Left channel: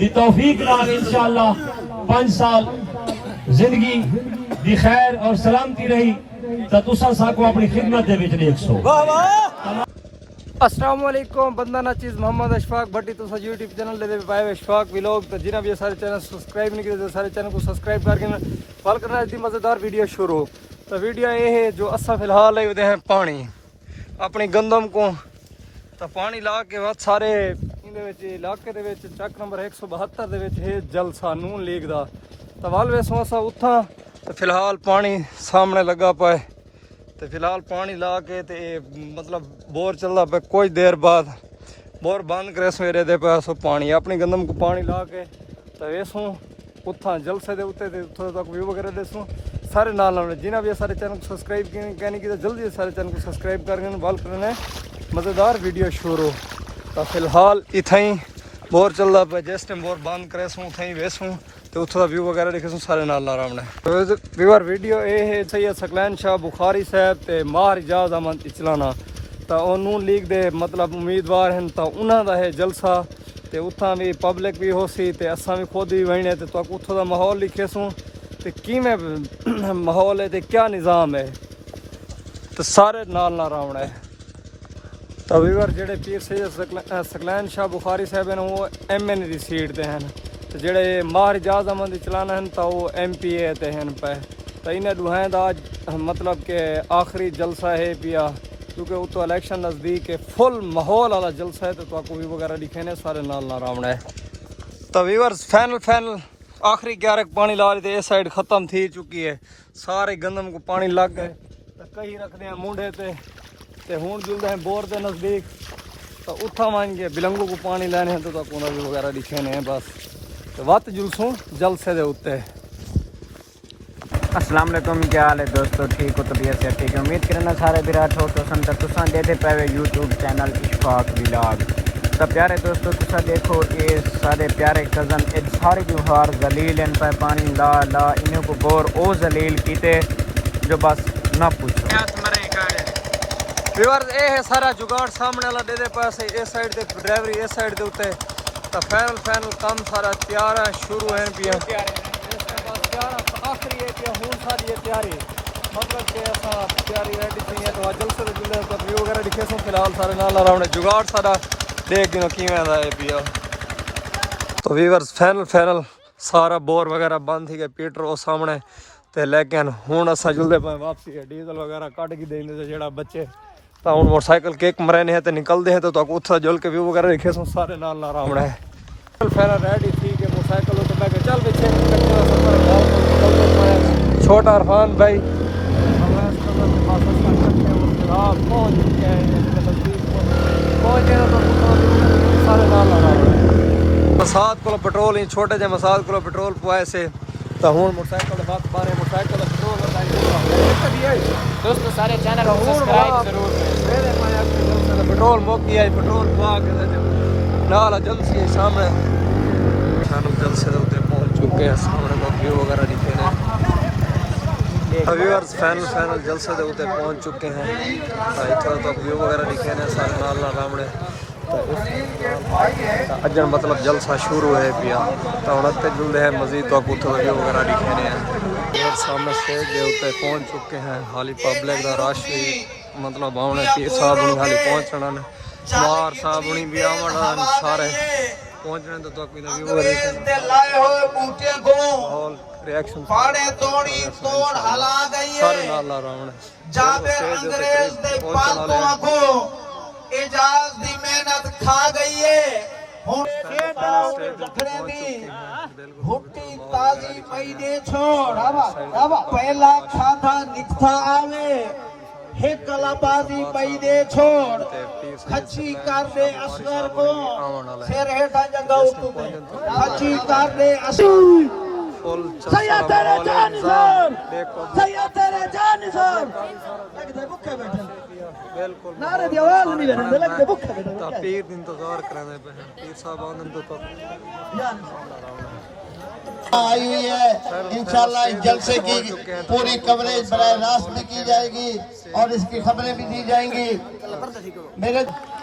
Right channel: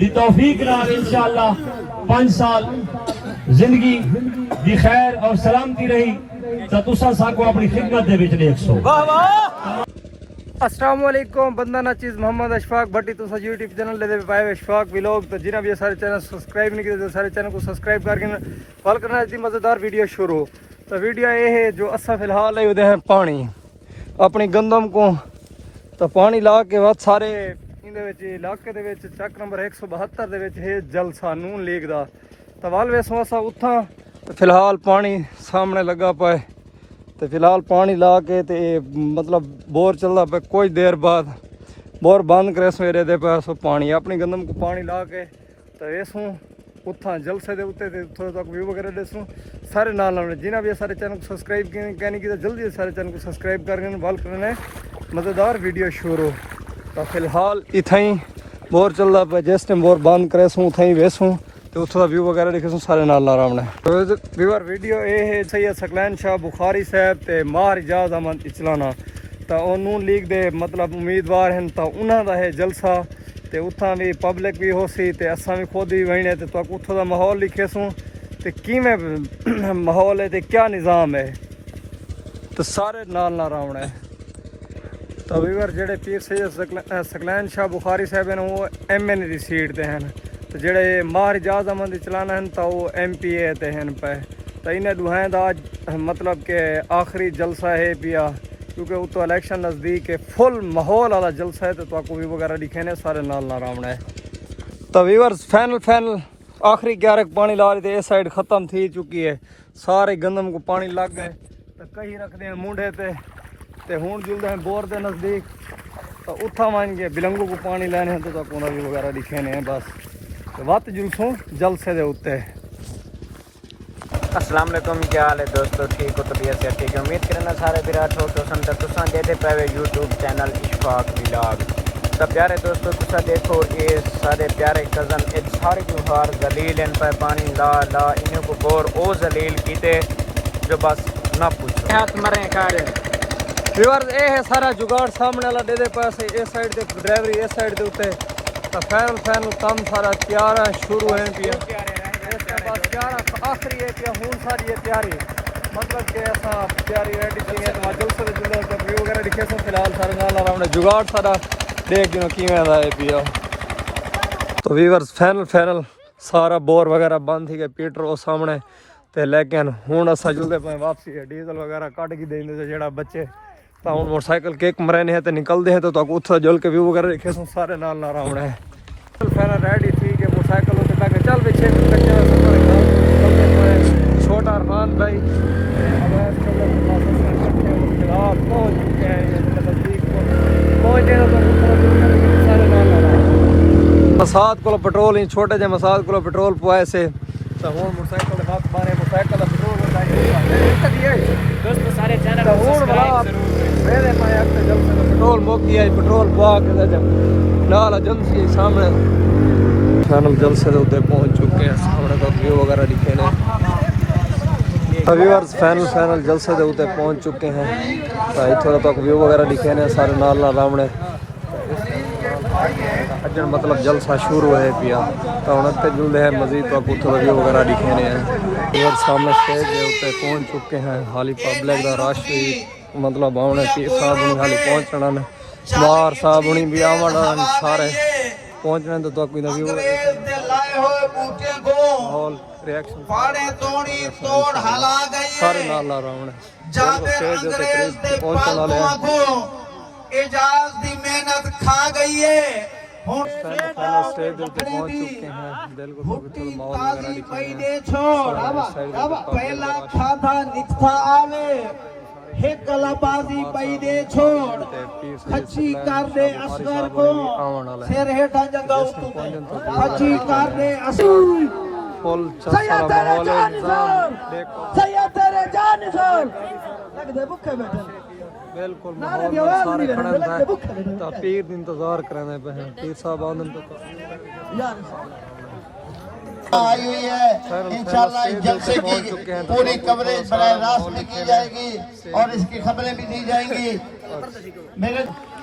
دی توفیق نال انشاءاللہ 5 سال زندگی دی خیر اور سلامتی رہی تو تساں ساکو اپنی خدمت دے وچ دیکھو. السلام علیکم. بندہ نا چیز محمد اشفاق بھٹی تو یوٹیوب چینل دے پائے اشفاق ولاگ. تو جنہاں بھی سارے چینل سبسکرائب نہیں کیتے سارے چینل کو سبسکرائب کر کے فال کرنا ہے. مزیدار ویڈیو شروع. تو ویڈیو یہ ہے جو اساں فی الحال ہے ادھے ہیں پانی اپنی گندم کو. تو پانی لا کے بعد سارے علاقے دے وچ چک نمبر 172 دے وچ ہے جلسہ نون لیگ دا. تو وال ویسوں اساں اتھاں تو فی الحال پانی سامنے لگا پائے. تو فی الحال پانی لا کے تے مطلب بور چلتا پہ کچھ دیر بعد بور بند کرے سویرے دے پہ سو پانی اپنی گندم کو پانی لا کے تو ایسوں اتھاں جلسے دے اتنے اتوں تک ویو وغیرہ دیسوں سارے نال جنہیں بھی سارے چینل کو سبسکرائب کہنے کی جلدی سارے چینل کو سبسکرائب کر کے بال کرنے مزیدار ویڈیو شروع. تو فی الحال اتھائی بور چلتا پہ جس ٹائم بور بند کرے سوں اتھائی ویسوں تو اتوں کا ویو وغیرہ دیکھے سوں سارے نال آرام نے. ویور ویڈیو یہ ہے سید ثقلین شاہ بخاری صاحب تے ماہر اجاز احمد اچلانا. تو وہ نون لیگ دے مطلب امیدوار ہیں. تو انہوں دا ہے جلسہ تے اتھاں بھی پبلک بھی ہو سی تے اساں بھی خود بھی وہنے تے تو اتھوں دا ماحول لکھے سوں تے کیویں ماحول ہے تے کیا نظام ہے تو سارے نال آرام ہے. تو ویور جڑے پیر سید ثقلین شاہ بخاری صاحب ہیں وہ MN دی سیٹ تے ہیں. تو جڑے ماہر اجاز احمد چلانا ہیں تو وہ MPA تے ہیں پہ. تو انہیں دوہائیں دا مطلب کہ آخری جلسہ ہے پیا کیونکہ وہ تو الیکشن نزدیک ہے. فل ماحول والا جلسہ ہے تو آپ کو بھی وغیرہ لکھے نے سارے نال آرام ہے. تو ویورز فائنل آخری 11 پانی لا رہی تھے. اس سائڈ ختم تھی چکی ہے سارے گندم کو پانی لگ گئے. تو کئی رکھتے ہیں مونڈے تے ہون جلدے ہیں بور دے نزدیک. تو اتھا مان کے بلنگو کو پانی لینے ہیں تو آپ بھی وغیرہ لکھے نے بس. وقت جلسوں جلسے دے اتے. السلام علیکم. کیا حال ہے دوستو؟ ٹھیک ہو؟ طبیعت سے ٹھیک ہے؟ امید کرنا سارے برات ہو تو سن تساں دے پے یوٹیوب چینل اشفاق ولاگ. تو پیارے دوستو تساں دیکھو یہ سارے پیارے کزن اج سارے جوہار ذلیل ان پہ پانی لا انہوں کو بور او ذلیل کیتے جو بس نہ پوچھو. ہاتھ مرے کارے ویورز اے ہے سارا جگاڑ سامنے والا دے پاسے اس سائڈ تے ڈرائیوری اس سائڈ دے اوتے. تو فائنل کام سارا تیار ہے شروع ہیں پیا. اس کے بعد تیار آخری ہے پیا ہون ساری ہے تیاری مطلب کہ ایسا تیاری ریڈی تھی ہے. تو جلسے جلدے ویو وغیرہ لکھے سوں فی الحال سارے نال آرام جگاڑ سارا دیکھ گنو کیویں دا ہے پیا. تو ویورز فائنل سارا بور وغیرہ بند تھی گئے پیٹر وہ سامنے تے لیکن ہوں اسا جلدے پہ واپسی ہے ڈیزل وغیرہ کٹ کے دیں دے جڑا بچے. تو ہوں موٹر سائیکل کیک مرے ہیں تو نکلتے ہیں تو اتنا جل کے ویو وغیرہ دیکھے سوں سارے نال آرام ہے. ریڈی تھی کہ موٹر سائیکل اتنے پہ چل پیچھے چھوٹا عرفان بھائی پہنچ چکے ہیں سارے نال مساد کو پٹرول ہی چھوٹے جے مساد کو پٹرول پوائے سے. تو ہوں موٹر سائیکل ہاتھ مارے موٹر سائیکل کا پٹرول دوستو سارے چینل پٹرول موکی ہے پٹرول پوا کے نال ایجنسی ہے سامنے. فائنل جلسے دے اتنے پہنچ چکے ہیں سامنے تو ویو وغیرہ لکھے نے. ویورز فائنل جلسے دے اتنے پہنچ چکے ہیں. اتوں تک ویو وغیرہ لکھے نے سارے نال رامنے. اجن مطلب جلسہ شروع ہے پیا. تو ہوں اتنے جلدے ہیں مزید تو اتوں کا ویو وغیرہ لکھے نے ہیں. سامنے اسٹیج کے اتنے پہنچ چکے ہیں. حالی پبلک کا رش بھی مطلب آنے پیر صاحب ہونی حالی پہنچنا مار صاحب ہونی بھی آن سارے پہنچنے تو کوئی ویو ماحول ریئیکشن سارے نال آرام بالکل اسٹیج کے اتنے قریب پہنچنے والے ہیں. پہلے اسٹیج اتنے پہنچ چکے ہیں بالکل ماحول وغیرہ لکھے ہیں. فل چل ماحول ہے نظام دیکھو بالکل ماحول سارے کھڑے ہیں تو پیر دی انتظار کرنے پہ ہیں. پیر صاحب آندن تو پہنچ چکے ہیں تو سارا ماحول لکھے ہیں اور اس کی خبریں بھی دی جائیں گی.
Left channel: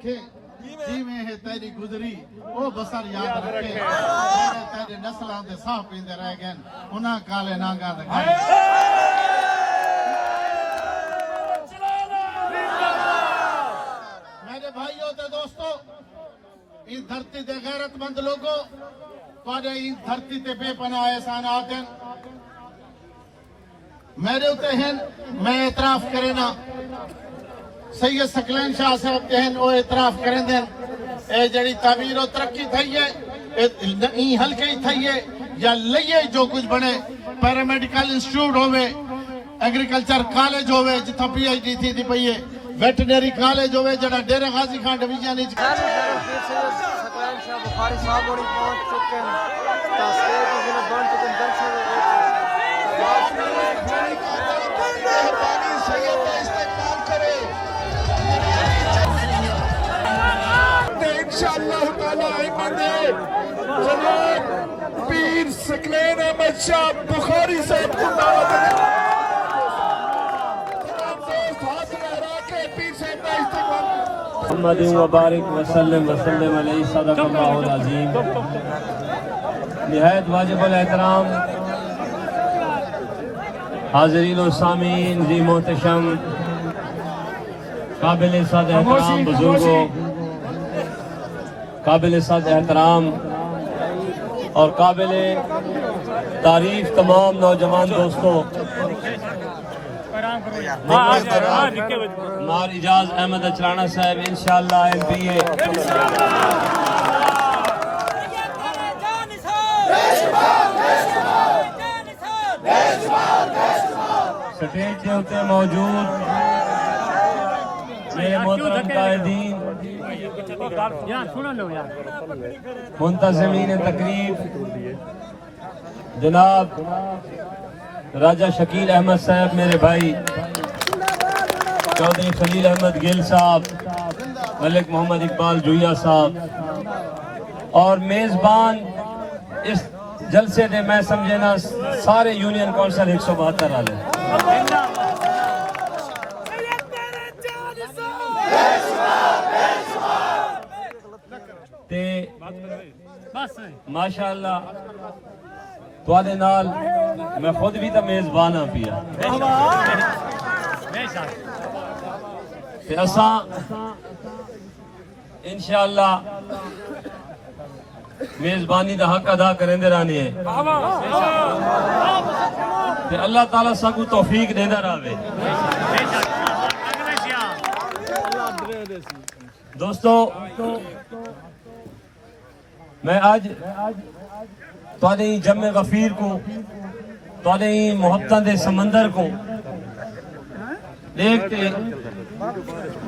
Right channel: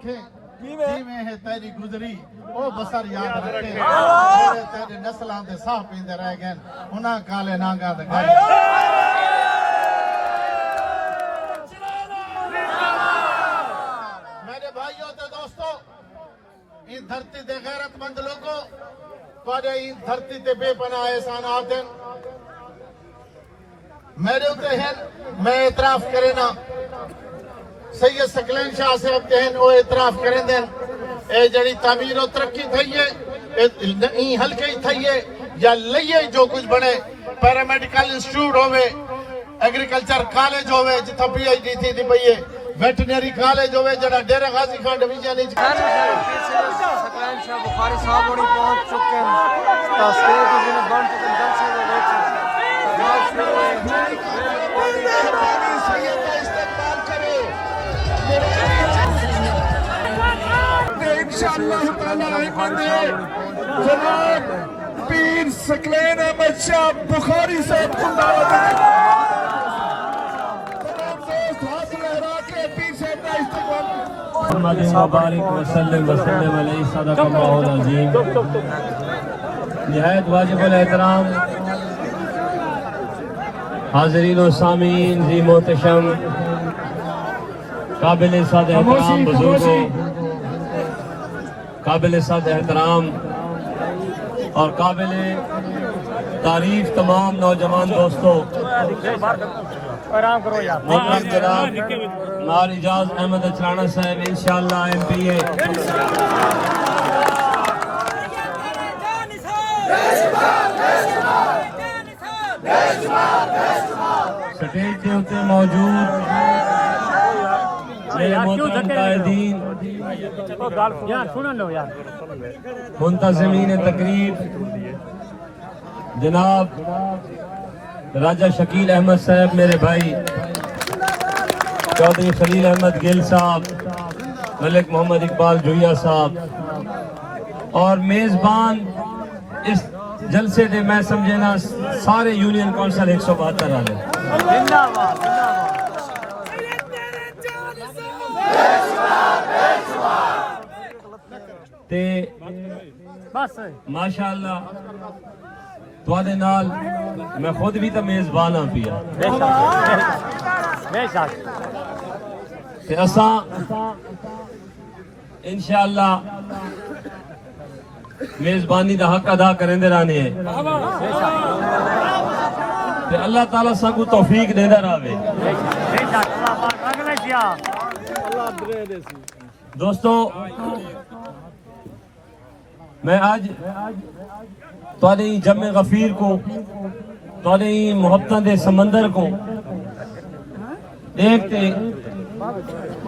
رکھے جی میں ہے تیری گزری وہ بسر یاد رکھے تیرے تیرے نسلان دے ساہ پیندے رہ گئے انہاں کالے نانگا دے گئے میرے بھائیوں تے دوستو ان دھرتی دے غیرت مند لوگوں تواڈے ان دھرتی تے بے پناہ احسانات ہیں میرے ہوتے ہیں میں اعتراف کرے نا سید ثقلین شاہ صاحب تے ہیں وہ اعتراف کریں دیں اے جڑی تعمیر و ترقی تھئیے این ہلکے تھئیے یا لئیے جو کچھ بنے پیرامیڈیکل انسٹیٹیوٹ ہوئے ایگریکلچر کالج ہوئے جتھا پی ایچ ڈی تھی پئیے ویٹنری کالج ہوئے جڑا ڈیرہ غازی خان ڈویژن وچ ثقلین شاہ بخاری صاحب ہوری پہنچ چکے ہیں تا سٹیج جنہیں بن چکے ہیں جلسے دے وچ آواز شروع ہے انشاءاللہ تعالی جناب پیر ثقلین احمد شاہ بخاری صاحب محمد مبارک وسلم علیہ صدق اللہ العظیم نہایت واجب الاحترام حاضرین و سامعین جی محتشم قابل صد احترام بزرگوں قابل صد احترام اور قابل تعریف تمام نوجوان دوستوں مار اجاز احمد اچرانا صاحب انشاءاللہ ایم پی اے سٹیج کے ہوتے موجود میرے محترم قائدین منتظمین تقریب جناب راجہ شکیل احمد صاحب میرے بھائی چودھری خلیل احمد گل صاحب ملک محمد اقبال جویا صاحب اور میزبان اس جلسے نے میں سمجھے نا سارے یونین کونسل 172 آلے تے ماشاءاللہ توادے نال میں خود بھی تو میزبان ہاں پیا تے اساں انشاءاللہ میزبانی دا حق ادا کریں دے رانے ہیں تے اللہ تعالیٰ سا کو توفیق دے دا راوے دوستو میں آج تواڈے جمع غفیر کو تواڈے محبتاں دے سمندر کو ایک تے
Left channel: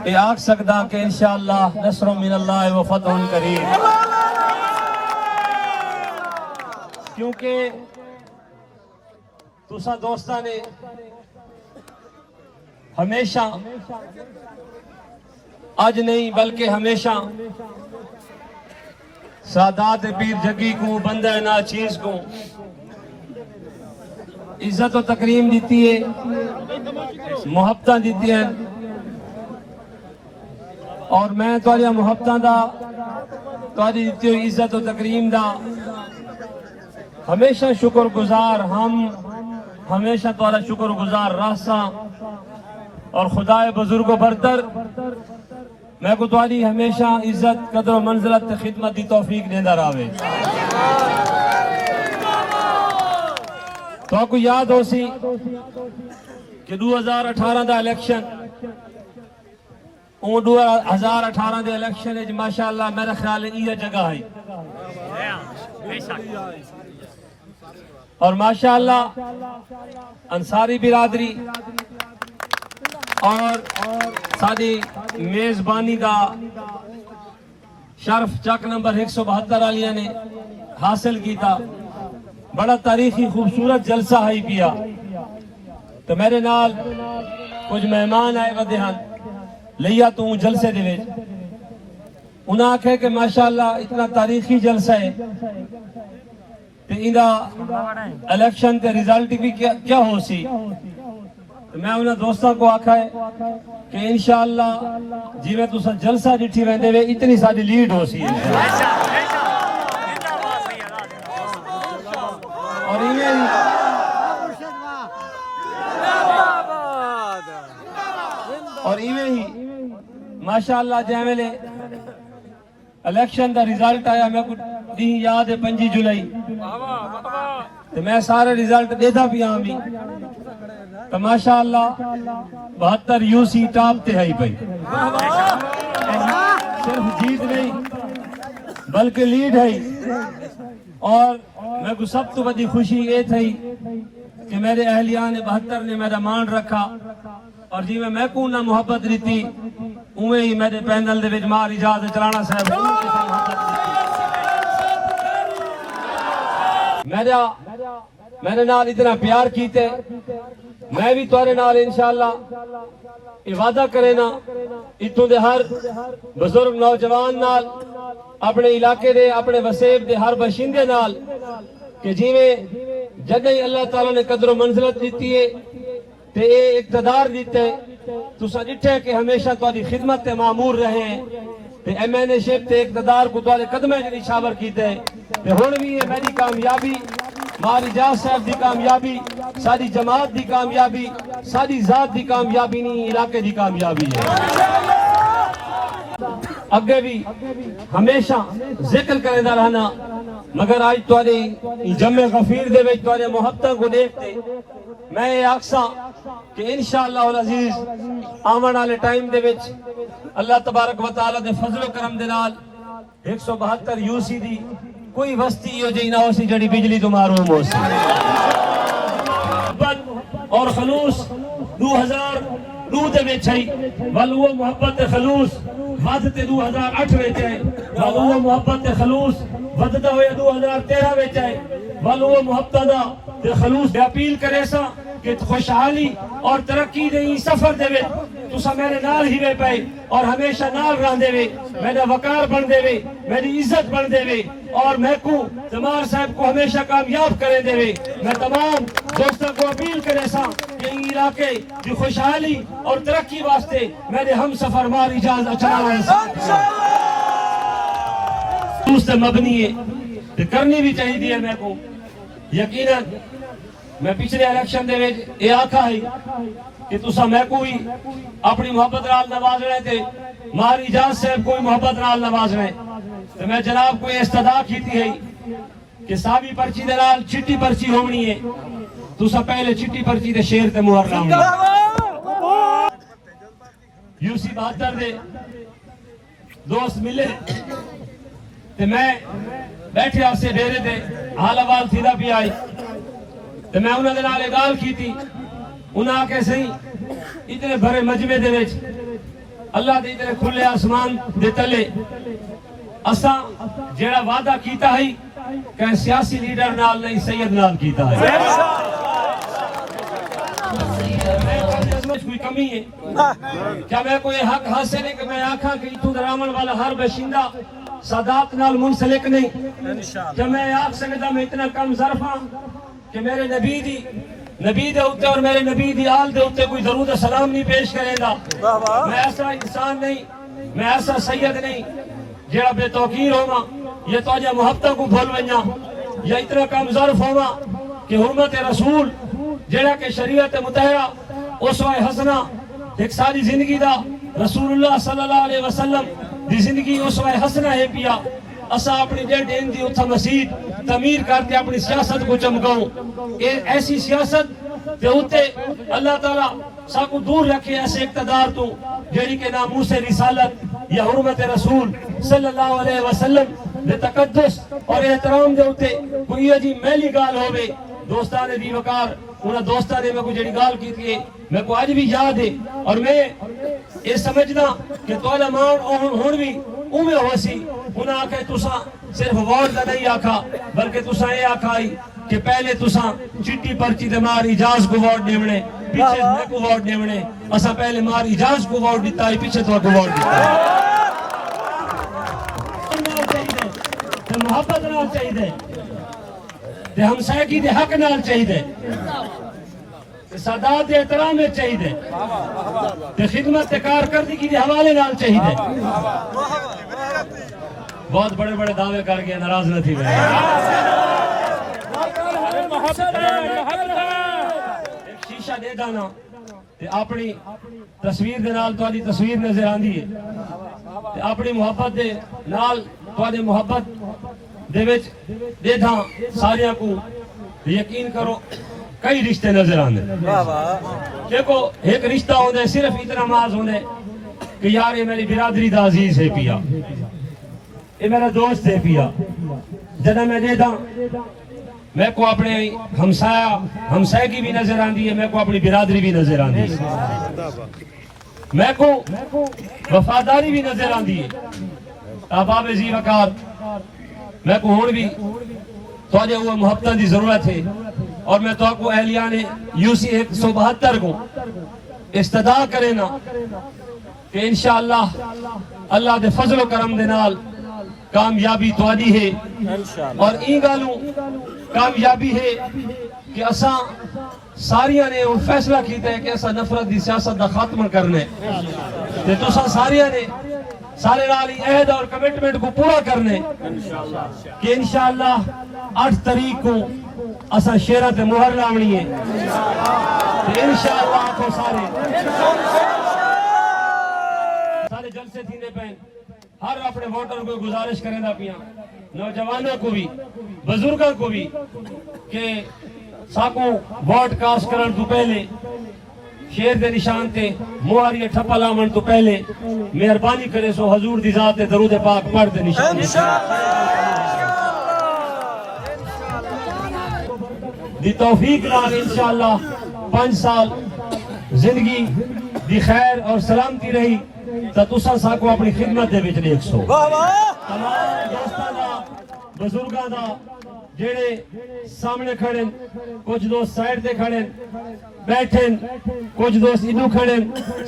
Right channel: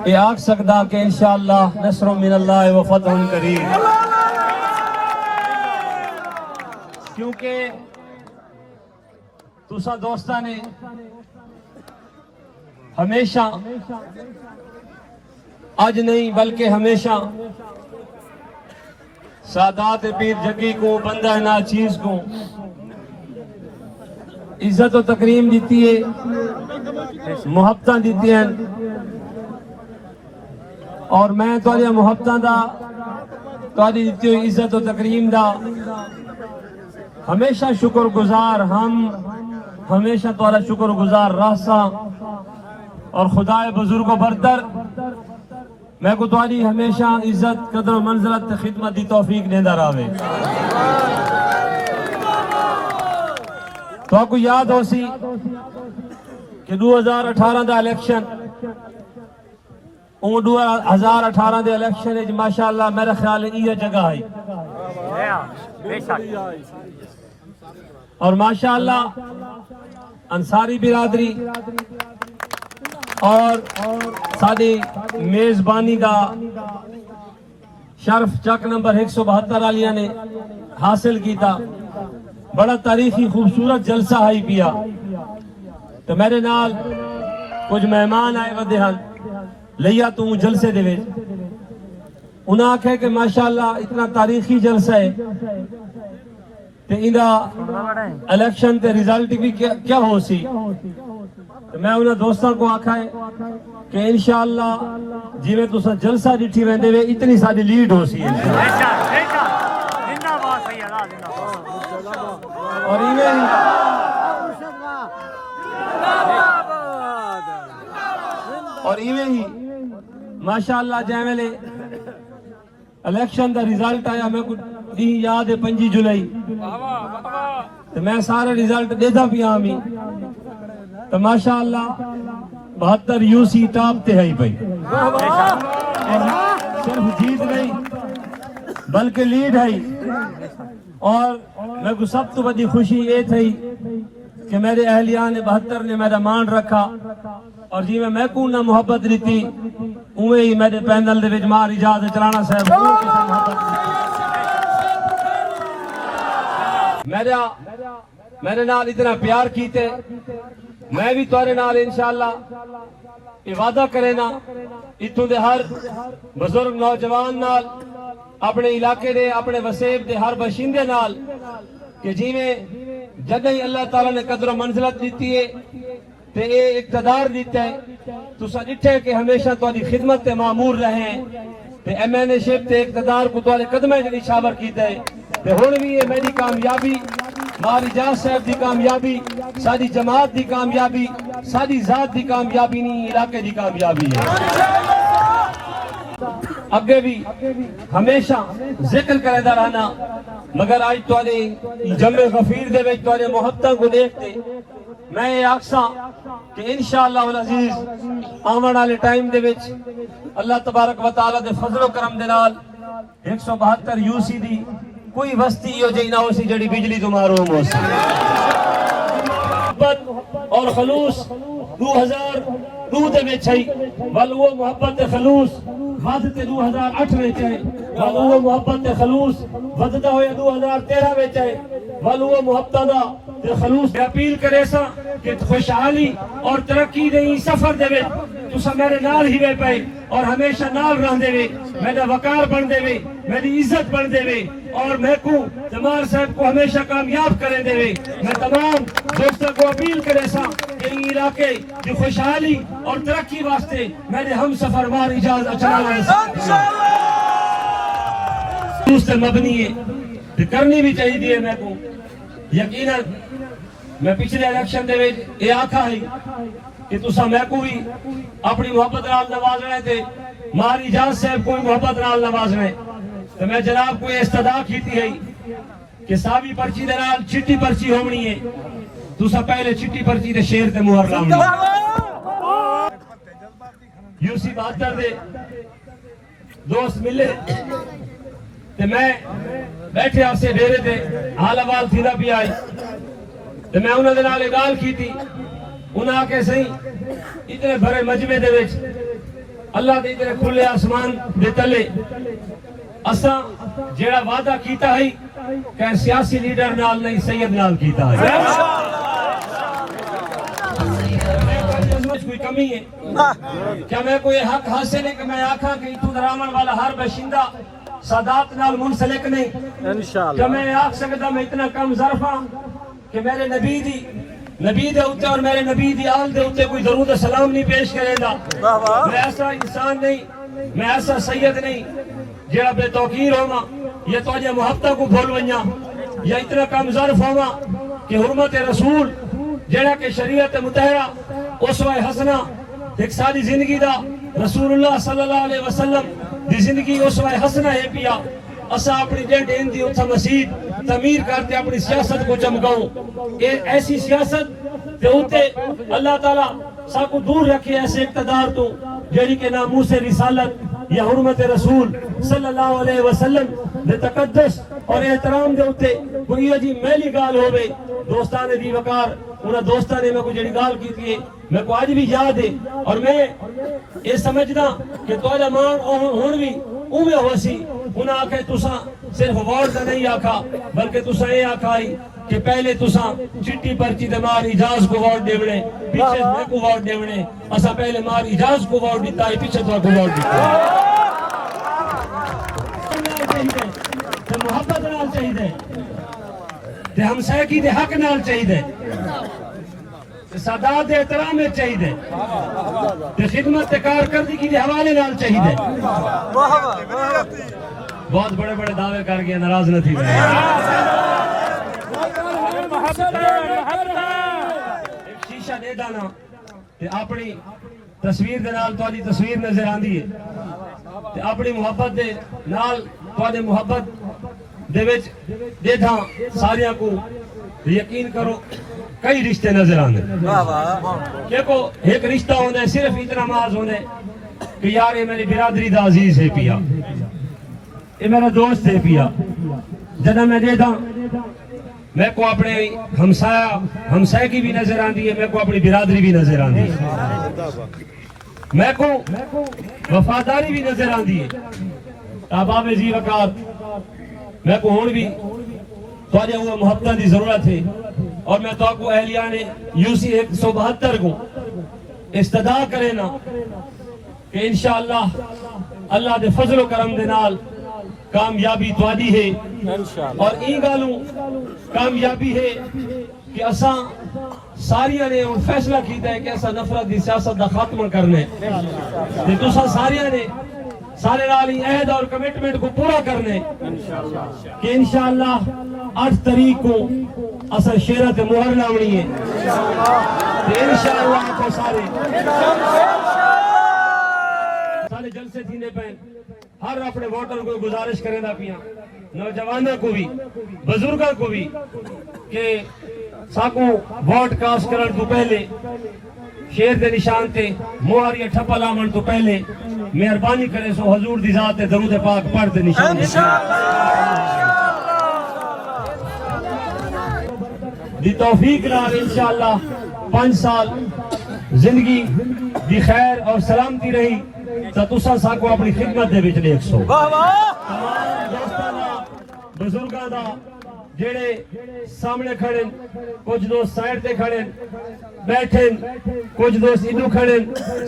اے آکھ سکدا کہ انشاءاللہ نصر من اللہ و فتح قریب کیونکہ تساں دوستاں نے ہمیشہ آج نہیں بلکہ ہمیشہ سادات پیر جگی کو بندہ ناچیز کو عزت و تکریم دیتی ہے محبتاں دیتی ہیں اور میں تواڈی محبتاں دا تواڈی دیتی ہوئی عزت و تکریم دا ہمیشہ شکر گزار ہم ہمیشہ تواڈا شکر گزار راسا اور خدائے بزرگ و برتر میں کو تواڈی ہمیشہ عزت قدر و منزلت خدمت دی توفیق دیندہ راوے تو آپ کو یاد ہو سی کہ 2018 دا الیکشن اون 2018 دے الیکشن ہے ماشاءاللہ میرا خیال ہے یہ جگہ ہے اور ماشاءاللہ انصاری برادری اور ساری میزبانی دا شرف چک نمبر 172 آلیاں نے حاصل کیتا بڑا تاریخی خوبصورت جلسہ ہے پیا تو میرے نال کچھ مہمان آئے ودے ہن لیا تو جلسے دے وچ انہاں آکھے کہ ماشاءاللہ اتنا تاریخی جلسہ ہے تے اندا الیکشن تے ریزلٹ بھی کیا ہو سی میں انہاں دوستاں کو آکھا ہے کہ انشاءاللہ جویں تساں جلسہ ڈٹھی ویندے وے اتنی ساری لیڈ ہو سی اور ایویں ہی ماشاءاللہ جے ویلے الیکشن دا رزلٹ آیا میں کو ڈی یاد ہے 5 جولائی تو میں سارے رزلٹ دیدا پیا ہمیں تو ماشاءاللہ 72 یو سی ٹاپ تے ہے بھائی صرف جیت نہیں بلکہ لیڈ ہے اور میں کو سب تو بڑی خوشی یہ تھی کہ میرے اہلیان 72 نے میرا مان رکھا اور جی میں کو نہ محبت دیتی اوے ہی میرے پینل دے وچ مار اجازت چلانا صاحب میرے نال اتنا پیار کیتے میں بھی تورے نال انشاءاللہ یہ وعدہ کرے نا اتوں دے ہر بزرگ نوجوان نال اپنے علاقے دے اپنے وسیب دے ہر باشندے نال کہ جیویں جدی اللہ تعالیٰ نے قدر و منزلت دیتی ہے تے اے اقتدار دیتے ہے تساں ڈٹھے کہ ہمیشہ تہاڈی خدمت تے مامور رہے ہیں تے ایم این اے شپ تے اقتدار کو تہاڈے قدمے جڑی شاور کیتے تے ہن بھی یہ میری کامیابی مار اجاز صاحب دی کامیابی ساری جماعت دی کامیابی ساری ذات دی کامیابی نہیں علاقے دی کامیابی ہے اگے بھی ہمیشہ ذکر کرے دا رہنا مگر آج تہاڈے جمع غفیر دے وچ تہاڈے محبتاں کو دیکھتے میں یہ آکھساں کہ انشاءاللہ العزیز آون والے ٹائم دے وچ اللہ تبارک و تعالی دے فضل و کرم دے نال 172 یو سی دی کوئی وستی ہو جی نہ ہو سی جڑی بجلی تو محروم ہو سی اور خلوص 2002 دے وچ ہے ول وہ محبت خلوص ود تے 2008 وچ ہے وہ محبت خلوص وددا ہویا 2013 وچ ہے ول وہ محبت دا تے خلوص اپیل کرے سا کہ خوشحالی اور ترقی دے سفر دے وچ تسا میرے نال ہی وے پائے اور ہمیشہ نال رہندے وے میرا وقار بن دے وے میری عزت بن دے وے اور میں کو تمار صاحب کو ہمیشہ کامیاب کرے دے وے میں تمام دوستوں کو اپیل کرے سا کہ علاقے کی خوشحالی اور ترقی واسطے میرے ہم سفر مار اجازت چلانا ہے مبنی ہے کرنی بھی چاہیے میں کو یقیناً میں پچھلے الیکشن دے وچ یہ آکھا ہے کہ تسا میں کو بھی اپنی محبت نال نواز رہے تھے ماری اجاز صاحب کو بھی محبت نال نواز رہے تو میں جناب کو یہ استدا کیتی ہے کہ سابی پرچی دے نال چٹی پرچی ہونی ہے تسا پہلے چٹی پرچی دے شیر تے مہر لاؤنی یو سی 72 دے دوست ملے تے میں بیٹھے آپ سے ڈیرے تے حال احوال تھی دا بھی آئی تے میں انہوں نے نالے گال کی تھی انہاں آکے صحیح اتنے بھرے مجمع دے وچ اللہ دے اتنے کھلے آسمان دے تلے اساں جیڑا وعدہ کیتا ہے کہ سیاسی لیڈر نال نہیں سید نال کیتا ہے کوئی کمی ہے کیا میں کوئی حق حاصل ہے کہ میں آکھاں کہ اتوں درامن والا ہر باشندہ سادات نال منسلک نہیں کیا میں آکھ سکتا میں اتنا کم ظرف ہاں کہ میرے نبی دے ہوتے اور میرے نبی دی آل دے ہوتے کوئی درود سلام نہیں پیش کرے گا میں ایسا انسان نہیں میں ایسا سید نہیں جڑا بے توقیر ہوما یہ تو آجا محبتہ کو بھول ونیا یا اتنا کم ظرف ہوما کہ حرمت رسول جڑا کہ شریعت متحرہ اسوہ حسنہ ایک ساری زندگی دا رسول اللہ صلی اللہ علیہ وسلم دی زندگی اسوہ حسنہ ہے پیا اسا اپنی ڈیڈ ہندی اتھا مسجد تعمیر کرتے اپنی سیاست کو چمکاؤں ایسی سیاست تے ہوتے اللہ تعالیٰ سا کو دور رکھے ایسے اقتدار تو جیڑی کے ناموس رسالت یا حرمت رسول صلی اللہ علیہ وسلم دے تقدس اور احترام دے ہوتے کوئی عجیب میلی گال ہوئے دوستان دی وقار انہاں دوستان نے میں کو جڑی گال کی تھی میں کو آج بھی یاد ہے اور میں یہ سمجھنا کہ توڑا مان ہون بھی اومے ہوا سی انہاں آکھے تساں صرف ووٹ دا نہیں آکھا بلکہ تساں یہ آکھائی کہ پہلے تساں چٹی پرچی دے مار اجاز کو ووٹ دیونے پیچھے میں کو ووٹ دیونے اسا پہلے مار اجاز کو ووٹ دیتا ہے پیچھے تو کو ووٹ دیتا ہے محبت نال چاہیے تے ہم سائیکی دے حق نال چاہیے سادات احترام میں چاہیے تے خدمت کارکردگی کے حوالے نال چاہیے بہت بڑے بڑے دعوے کر کے ناراض نہ تھی گئے ایک شیشہ دے دانا تے اپنی تصویر دے نال تہاڈی تصویر نظر آندی ہے تے اپنی محبت دے نال تہاڈی محبت دے وچ دے تھا ساریاں کو یقین کرو کئی رشتے نظر آنے دیکھو ایک رشتہ ہوتا ہے صرف اتنا محض ہوتا ہے کہ یار یہ میری برادری دا عزیز ہے پیا یہ میرا دوست ہے پیا جدہ میں دیتا میں کو اپنے ہمسائے کی بھی نظر آندی ہے میں کو اپنی برادری بھی نظر آندی ہے میں کو وفاداری بھی نظر آندی ہے احباب ذی وقار میں کو ہون بھی تھوڑے ہوا محبتہ دی ضرورت ہے اور میں تو کو اہلیان یوسی 172 کو استدا کرے نا کہ انشاءاللہ اللہ دے فضل و کرم دے نال کامیابی توادی ہے اور این گالوں کامیابی ہے کہ اساں ساریاں نے ان فیصلہ کیتا ہے کہ اساں نفرت دی سیاست دا خاتمہ کرنے تے تساں ساریاں نے سارے نالی عہد اور کمٹمنٹ کو پورا کرنے کہ انشاءاللہ 8 تاریخ کو اساں شیرہ تے مہر لاونی ہے تے انشاءاللہ آپ کو سارے جلسے تھینے پہن ہر اپنے ووٹر کو گزارش کریں دا پیاں نوجوانوں کو بھی بزرگوں کو بھی کہ ساکو ووٹ کاسٹ کرن تو پہلے شیر دے نشان تے مہر یا ٹھپا لاون تو پہلے مہربانی کرے سو حضور دی ذات تے درود پاک پڑھ دے نشان دی توفیق نال انشاءاللہ 5 سال زندگی دی خیر اور سلامتی رہی تو تساں ساکو اپنی خدمت دے وچ دیکھ سو تمام دوستاں دا بزرگاں دا جڑے سامنے کھڑے کچھ دوست سائیڈ تے کھڑے بیٹھے کچھ دوست ادھر کھڑے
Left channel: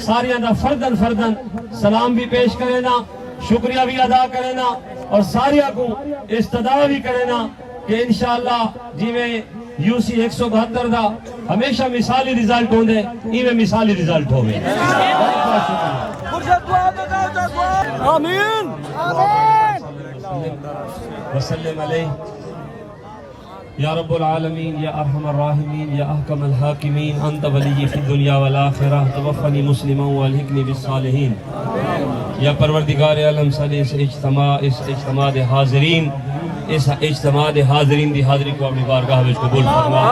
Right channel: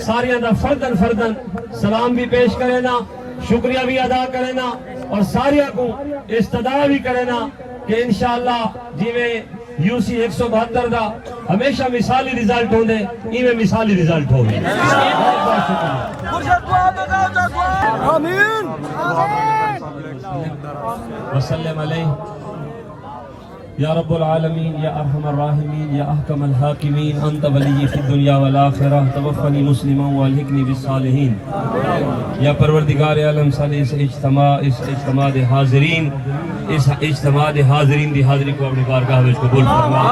ساریاں دا فردن سلام بھی پیش کرے نا شکریہ بھی ادا کرے نا اور ساریاں کو استدعا بھی کرے نا کہ انشاءاللہ جی میں یوسی 172 دا ہمیشہ مثالی رزلٹ ہوندے ایویں مثالی رزلٹ ہوگے آمین وسلم علیہ یا رب العالمین یا ارحم الراحمین یا احکم الحاکمین انت ولی فی الدنیا والآخرہ توفنی مسلما والحقنی بالصالحین یا پروردگار عالم صلی اس اجتماع دے حاضرین دی حاضری کو اپنی بارگاہ میں قبول فرما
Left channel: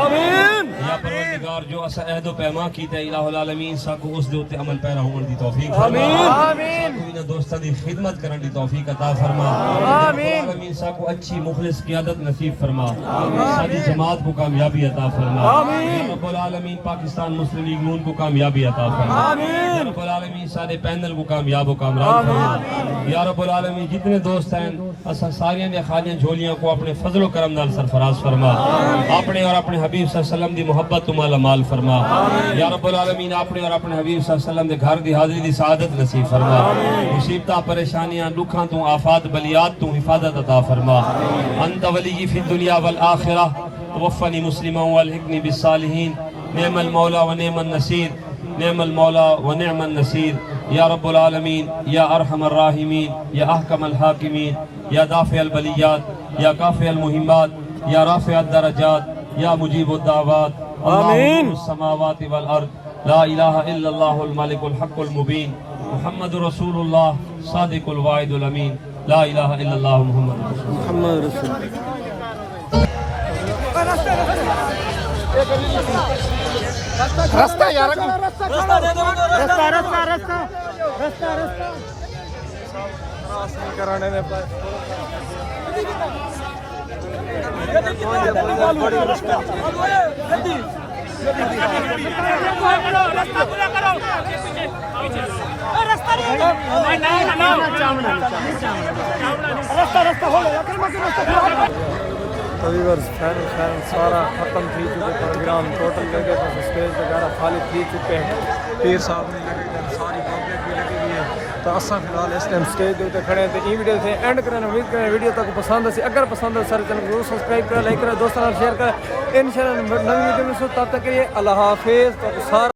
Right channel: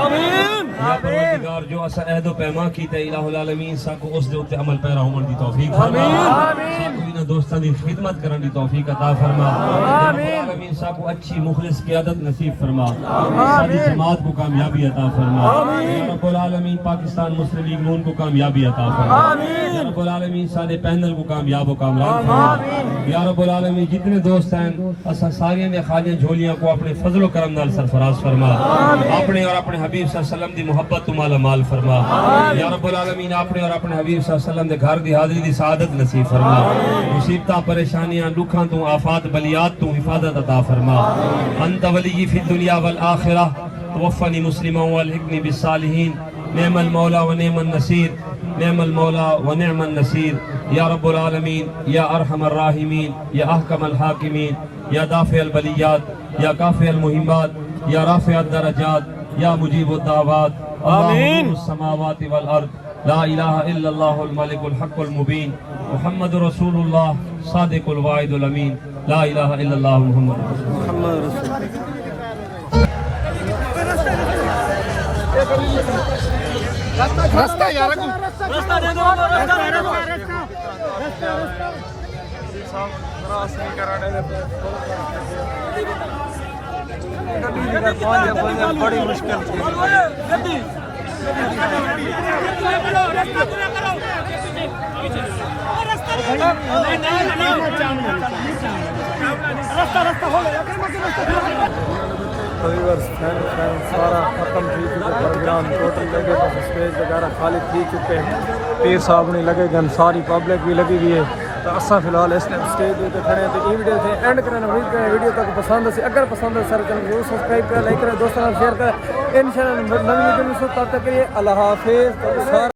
یا پروردگار جو اسا عہد و پیما کیتا ہے الہ العالمین ساکو اس دے اوتے عمل پیرا ہون دی توفیق فرما ساکو انہاں دوستاں دی خدمت کرن دی توفیق عطا فرما آمین ساکو اچھی مخلص قیادت نصیب فرما ساری جماعت کو کامیابی عطا فرما یا رب العالمین پاکستان مسلم لیگ نون کو کامیابی عطا فرما یا رب العالمین سارے پینل کو کامیاب و کامران فرما یا رب العالمین جتنے دوست ہیں اسا ساریاں دے خالیاں جھولیاں کو اپنے فضل و کرم نال سرفراز فرما اپنے اور اپنے حبیب صلی اللہ علیہ وسلم دی محبت تو مالا مال فرما یا رب العالمین اپنے اور اپنے حبیب صلی اللہ علیہ وسلم دے گھر دی حاضری دی سعادت نصیب فرما مصیبتاں پریشانیاں دکھاں تو آفات بلیات تو حفاظت عطا فرما انت ولی فی الدنیا والآخرہ توفنی مسلما والحقنی بالصالحین نعم المولا و نعم النصیر نعم المولا و نعم النصیر یا رب العالمین یا ارحم الراحمین یا احکم الحاکمین یا دافع البلیات یا کافع المہمات یا رافع الدرجات یا مجیب الدعوات اللہم السماوات والارض لا الہ الا اللہ الملک الحق المبین محمد رسول اللہ صادق الوعد الامین لا الہ الا اللہ محمد رسول اللہ رستہ یار رستہ دے دو رستہ کراس نہیں کرانے میں بڑی مشکل سارا ختم تھی چکے پروگرام ٹوٹل لگے تو اسٹیج وغیرہ خالی تھی چکے ہیں پیر صاحب نہیں لگے گن ساری پبلک بھی لگی ہوئی ہے تو اصا فی الحال اس ٹائم اسٹیج کے کھڑے ہیں تو یہ ویڈیو سے اینڈ کریں امید کریں ویڈیو تک پسند آسی اگر پسند ہے سارے چینل ضرور سبسکرائب کریں لائک کریں دوستوں شیئر کریں انشاءاللہ نئی ویڈیو میں تب تک کے لیے اللہ حافظ تو سارا